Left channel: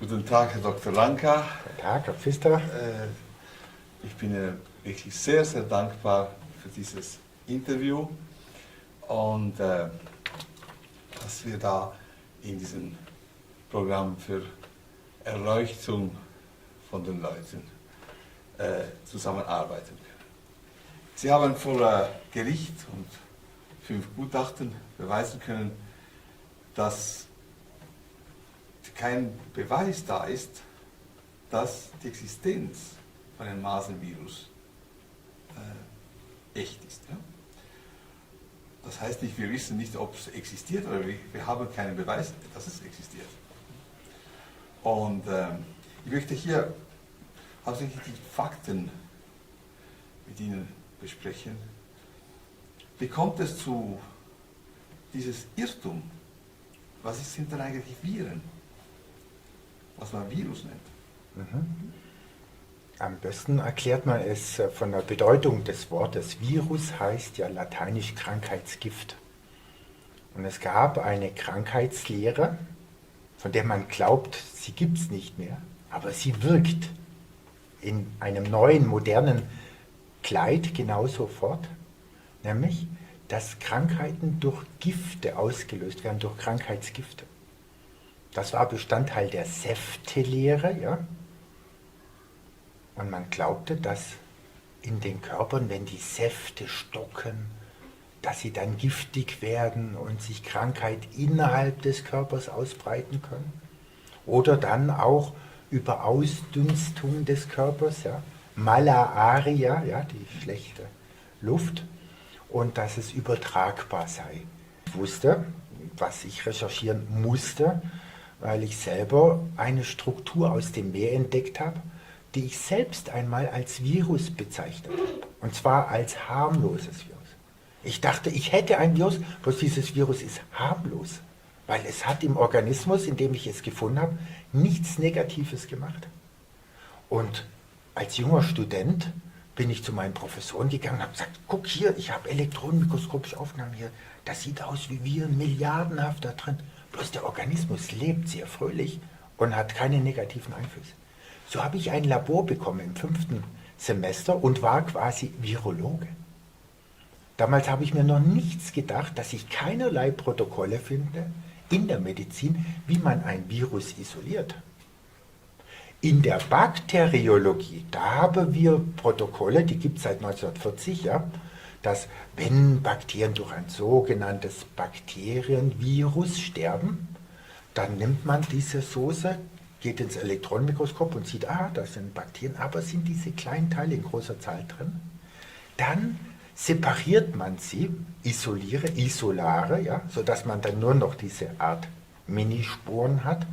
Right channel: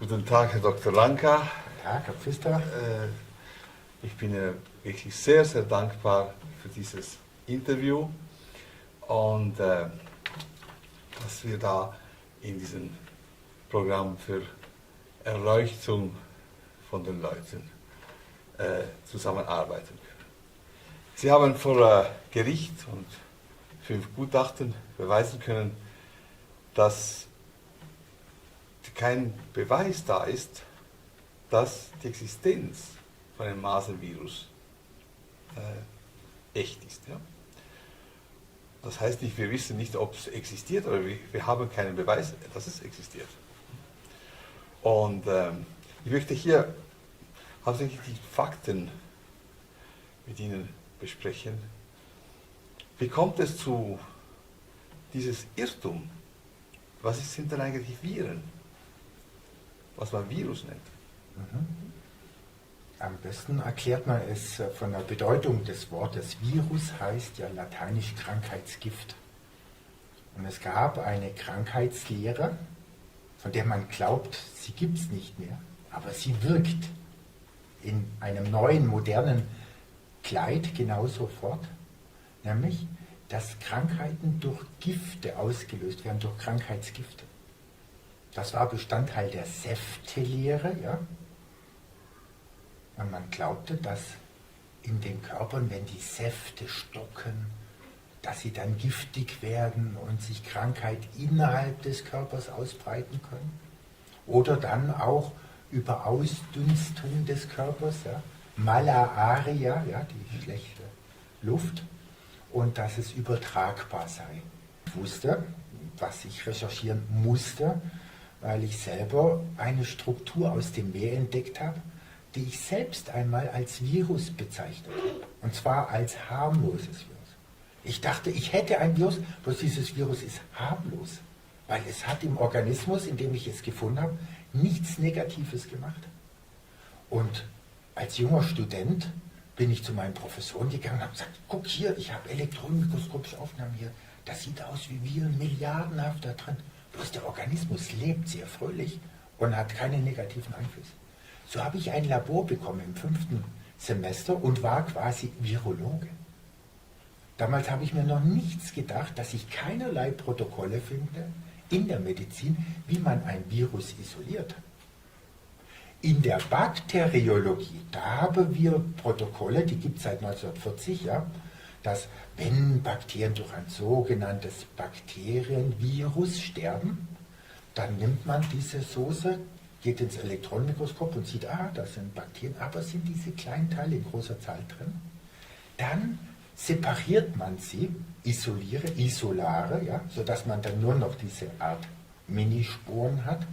Guten Tag, Herr Dr. Lanka. Guten Tag, Herr Pfister. Ich bin wirklich sehr, sehr dankbar für dieses Interview und dass wir da in diesem Programm für Erleuchtung von den Leuten zusammenarbeiten können. Sie haben vor Gericht und 5 Gutachten beweisen können, dass kein Beweis da ist, dass die Existenz von einem Masernvirus echt ist. Ja? Das heißt nicht, wir wissen nicht, ob es existiert, oder wir haben keinen Beweis, dass es existiert. Und ich möchte hier hauptsächlich die Fakten mit Ihnen besprechen. Wie kommt es zu dieses Irrtum? Was sind denn eigentlich Viren? Was man Virus nennt. Am besten erklärt man es von der Bedeutung des Wortes. Virus heißt ja lateinisch Krankheitsgift. Und es gab eine Krankheitslehre, von der man glaubt, sie gibt es nicht mehr, aber sie wirkt in einem neuen, modernen Kleid genauso fort, nämlich, dass Krankheiten durch Gifte ausgelöst werden, durch Krankheitsgifte. Das war Bestandteil der Säftelehre, ja. Und man glaubte, dass in den Körpern, wenn die Säfte stocken, dass sie dann giftig werden und sich Krankheit innerhalb des Körpers ausbreiten können. Oder dann auch über Ausdünstung des Körpers, ja. Malaria, ja, die schlechte Luft, und dass es übertragbar sei. Ich wusste, was ich recherchieren musste, weil ich selber eine Struktur aus dem Meer entdeckt habe, die ich selbst einmal als Virus bezeichnet habe. Und zwar als harmloses Virus. Ich dachte, ich hätte ein Virus, bloß dieses Virus ist harmlos, weil es hat im Organismus, in dem ich es gefunden habe, nichts Negatives gemacht. Und als junger Student bin ich zu meinen Professoren gegangen und habe gesagt, guck hier, ich habe elektronenmikroskopische Aufnahmen hier, das sieht aus wie Viren, milliardenhaft da drin. Bloß der Organismus lebt sehr fröhlich und hat keine negativen Einflüsse. So habe ich ein Labor bekommen im 5. Semester und war quasi Virologe. Damals habe ich mir noch nichts gedacht, dass ich keinerlei Protokolle finde in der Medizin, wie man ein Virus isoliert. In der Bakteriologie, da haben wir Protokolle, die gibt es seit 1940, ja, dass wenn Bakterien durch ein sogenanntes Bakterienvirus sterben, dann nimmt man diese Soße, geht ins Elektronenmikroskop und sieht, das sind Bakterien, aber sind diese kleinen Teile in großer Zahl drin. Dann separiert man sie, Isolare, ja, sodass man dann nur noch diese Art Minisporen hat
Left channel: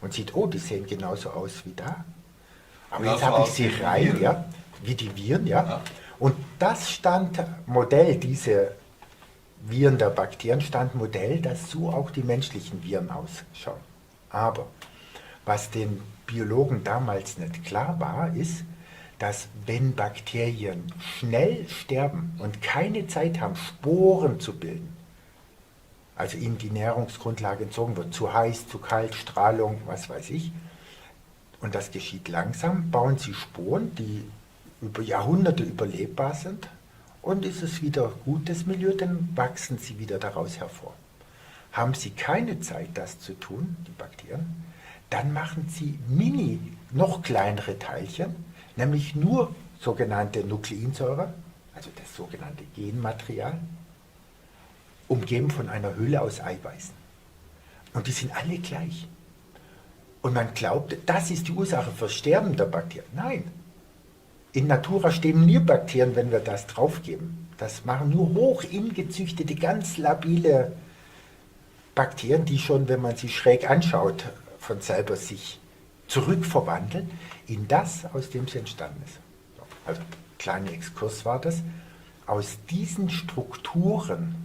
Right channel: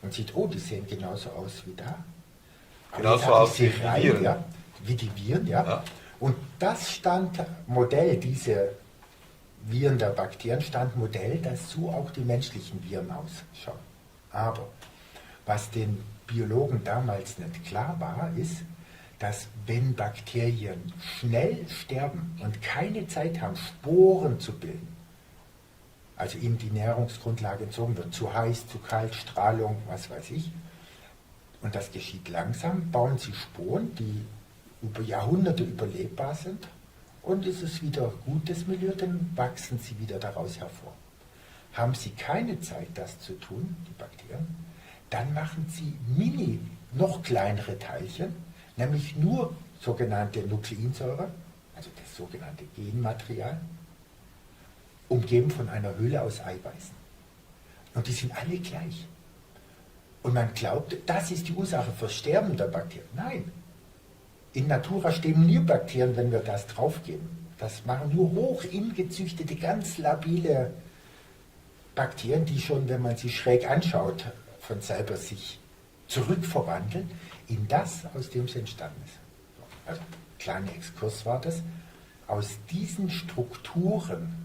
und sieht, die sehen genauso aus wie da. Aber genauso jetzt habe ich sie wie rein, Viren. ja, wie die Viren, ja. Und das stand Modell, diese Viren der Bakterien stand Modell, dass so auch die menschlichen Viren ausschauen. Aber was den Biologen damals nicht klar war, ist, dass wenn Bakterien schnell sterben und keine Zeit haben, Sporen zu bilden, also ihnen die Nährungsgrundlage entzogen wird, zu heiß, zu kalt, Strahlung, was weiß ich, und das geschieht langsam, bauen sie Sporen, die über Jahrhunderte überlebbar sind, und ist es wieder gutes Milieu, dann wachsen sie wieder daraus hervor. Haben sie keine Zeit, das zu tun, die Bakterien, dann machen sie noch kleinere Teilchen, nämlich nur sogenannte Nukleinsäure, also das sogenannte Genmaterial, umgeben von einer Hülle aus Eiweißen. Und die sind alle gleich. Und man glaubt, das ist die Ursache für Sterben der Bakterien. Nein. In Natura sterben nie Bakterien, wenn wir das draufgeben. Das machen nur hochingezüchtete, ganz labile Bakterien, die schon, wenn man sie schräg anschaut, von selber sich zurückverwandeln in das, aus dem sie entstanden ist. Also, kleiner Exkurs war das. Aus diesen Strukturen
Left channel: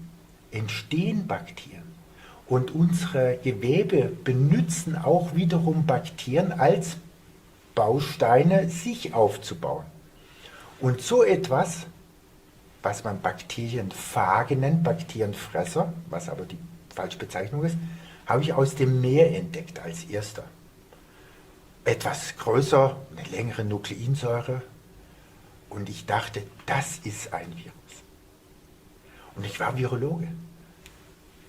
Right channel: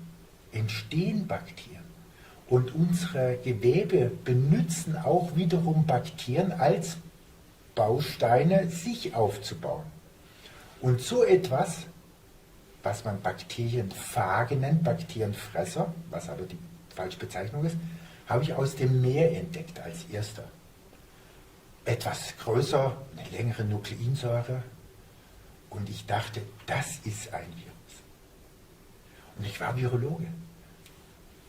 entstehen Bakterien. Und unsere Gewebe benutzen auch wiederum Bakterien als Bausteine, sich aufzubauen. Und so etwas, was man Bakterienphage nennt, Bakterienfresser, was aber die falsche Bezeichnung ist, habe ich aus dem Meer entdeckt als erster. etwas größer, eine längere Nukleinsäure. Und ich dachte, das ist ein Virus. Und ich war Virologe.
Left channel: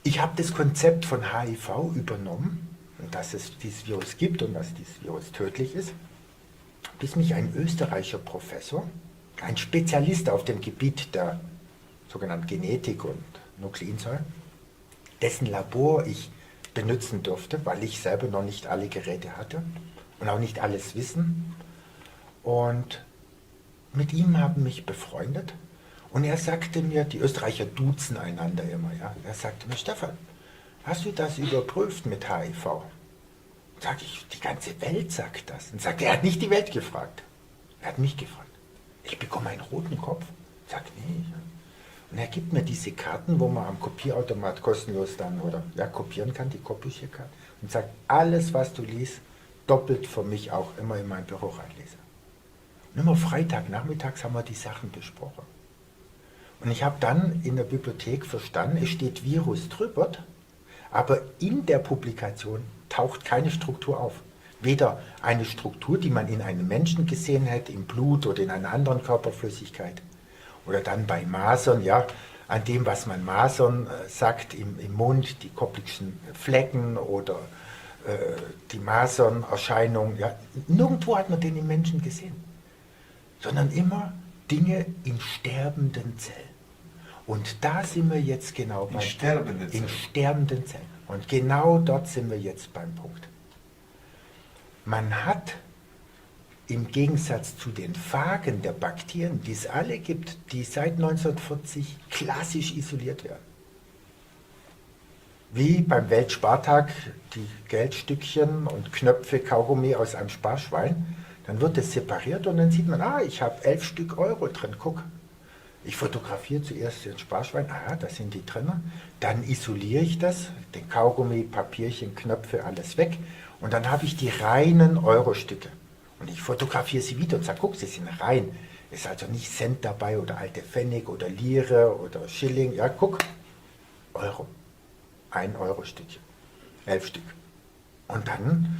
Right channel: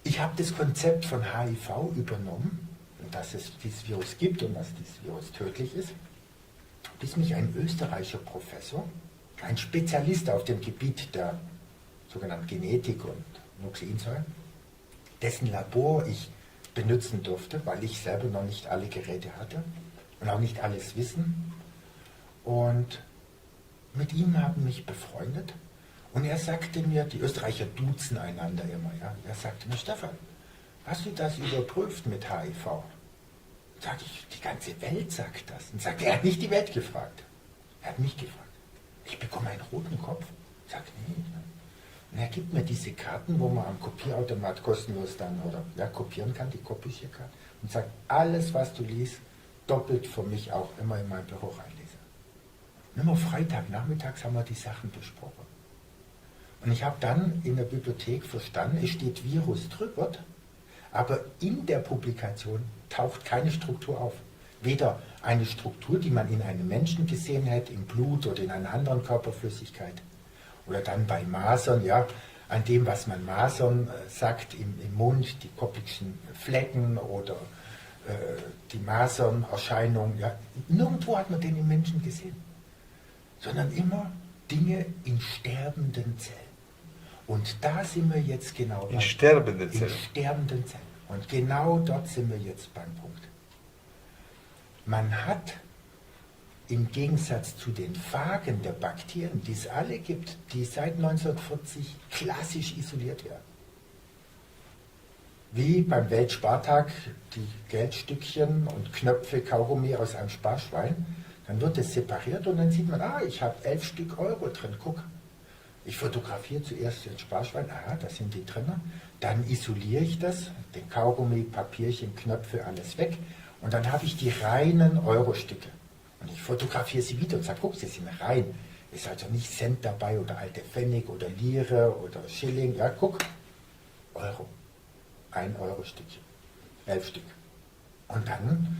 Ich habe das Konzept von HIV übernommen, dass es dieses Virus gibt und dass dieses Virus tödlich ist, bis mich ein österreichischer Professor, ein Spezialist auf dem Gebiet der sogenannten Genetik und Nukleinsäure, dessen Labor ich benutzen durfte, weil ich selber noch nicht alle Geräte hatte und auch nicht alles Wissen. Und mit ihm haben mich befreundet. Und er sagte mir, die Österreicher duzen einander immer, ja. Er sagte mir, Stefan, hast du das überprüft mit HIV? Sag ich, die ganze Welt sagt das. Und sagt, er hat nicht die Welt gefragt. Er hat mich gefragt. Ich bekomme einen roten Kopf. Ich sage, nee. Ja. Und er gibt mir diese Karten, wo man am Kopierautomat kostenlos dann oder ja, kopieren kann, die Kopierkarten. Und sagt, alles, was du liest, doppelt für mich auch immer in mein Büro reinlesen. Und immer Freitagnachmittags haben wir die Sachen besprochen. Und ich habe dann in der Bibliothek verstanden, es steht Virus drüber, aber in der Publikation taucht keine Struktur auf. Weder eine Struktur, die man in einem Menschen gesehen hätte, im Blut oder in einer anderen Körperflüssigkeit. Oder dann bei Masern, ja, an dem, was man Masern sagt, im Mund, die Koplikschen Flecken oder die Masernerscheinung. Ja. Nirgendwo hat man den im Menschen gesehen. Sondern immer Dinge in sterbenden Zellen. Und da sind wir jetzt genau in sterbenden Zellen. In sterbenden Zellen. Und genau dort sind wir jetzt beim Punkt. Man hat im Gegensatz zu den Phagen der Bakterien, die es alle gibt, die seit 1940 klassisch isoliert werden. Wie beim Weltspartag die Geldstückchen und Knöpfe Kaugummi aus einem Sparschwein, dann wird es separiert und dann sieht man, ich habe 11 Stück Euro drin, guck. Ich fotografiere zuerst den Sparschwein, da sind die drin, dann isoliere ich das, den Kaugummi, Papierchen, Knöpfe, alles weg und dann habe ich die reinen Euro-Stücke. Und ich fotografiere sie wieder und sage, guck, sie sind rein. Ist also nicht Cent dabei oder alte Pfennig oder Lire oder Schilling. Ja, guck, Euro. 1 Euro-Stückchen. 11 Stück. Und dann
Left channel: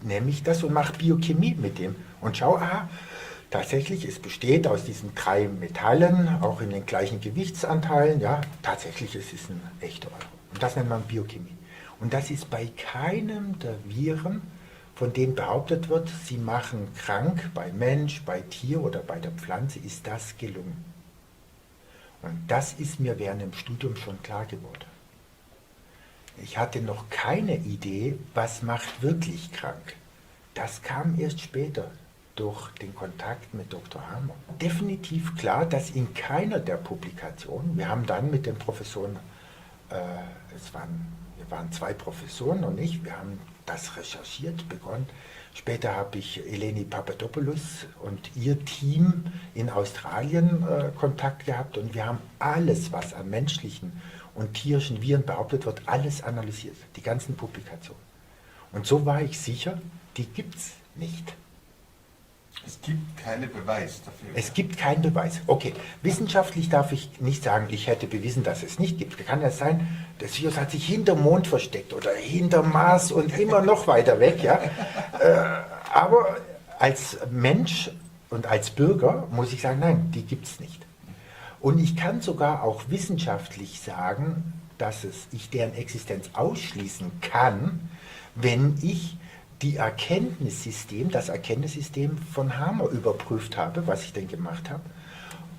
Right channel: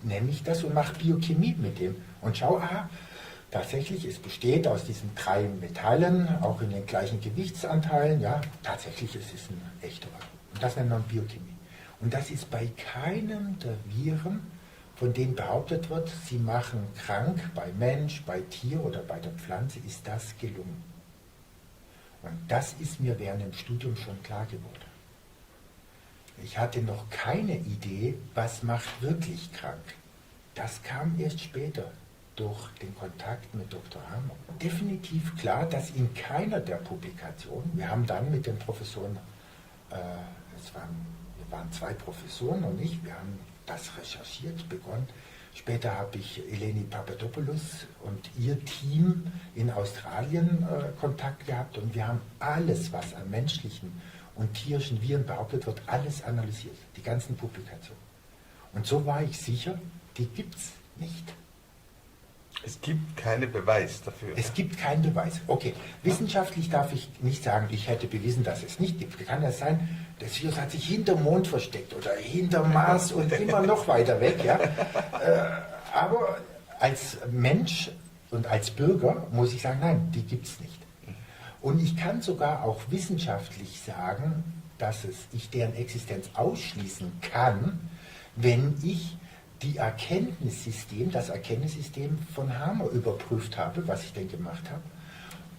nehme ich das und mache Biochemie mit dem. Und schau, tatsächlich, es besteht aus diesen 3 Metallen, auch in den gleichen Gewichtsanteilen. Ja, tatsächlich, es ist ein echter Euro. Und das nennt man Biochemie. Und das ist bei keinem der Viren, von denen behauptet wird, sie machen krank, bei Mensch, bei Tier oder bei der Pflanze, ist das gelungen. Und das ist mir während dem Studium schon klar geworden. Ich hatte noch keine Idee, was macht wirklich krank. Das kam erst später durch den Kontakt mit Dr. Hamer. Definitiv klar, dass in keiner der Publikationen, wir haben dann mit den Professoren, wir waren 2 Professoren und ich, wir haben das recherchiert begonnen. Später habe ich Eleni Papadopoulos und ihr Team in Australien Kontakt gehabt und wir haben alles, was an menschlichen und tierischen Viren behauptet wird, alles analysiert, die ganzen Publikationen. Und so war ich sicher, die gibt es nicht. Es gibt keinen Beweis dafür. Es gibt keinen Beweis. Okay, wissenschaftlich darf ich nicht sagen, ich hätte bewiesen, dass es nicht gibt. Kann ja sein, das Virus hat sich hinterm Mond versteckt oder hinterm Mars und immer noch weiter weg. Ja? Aber als Mensch und als Bürger muss ich sagen, nein, die gibt es nicht. Und ich kann sogar auch wissenschaftlich sagen, dass ich deren Existenz ausschließen kann, wenn ich das Erkenntnissystem von Hamer überprüft habe, was ich denn gemacht habe,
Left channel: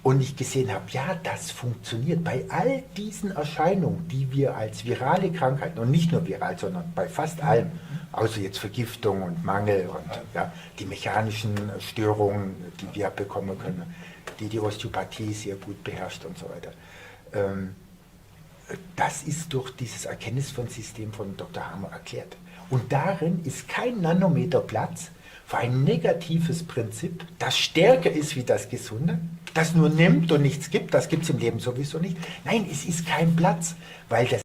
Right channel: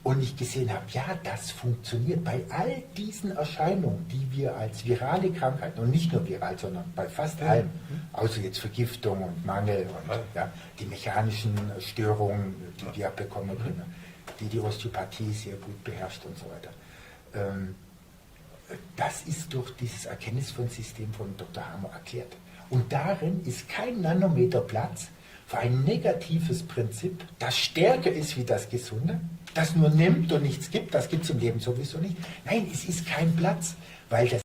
und ich gesehen habe, ja, das funktioniert bei all diesen Erscheinungen, die wir als virale Krankheiten, und nicht nur viral, sondern bei fast allem, außer jetzt Vergiftung und Mangel und ja, die mechanischen Störungen, die wir bekommen können, die Osteopathie sehr gut beherrscht und so weiter. Das ist durch dieses Erkenntnissystem von Dr. Hamer erklärt. Und darin ist kein Nanometer Platz für ein negatives Prinzip, das stärker ist wie das Gesunde, das nur nimmt und nichts gibt, das gibt es im Leben sowieso nicht. Nein, es ist kein Platz, weil das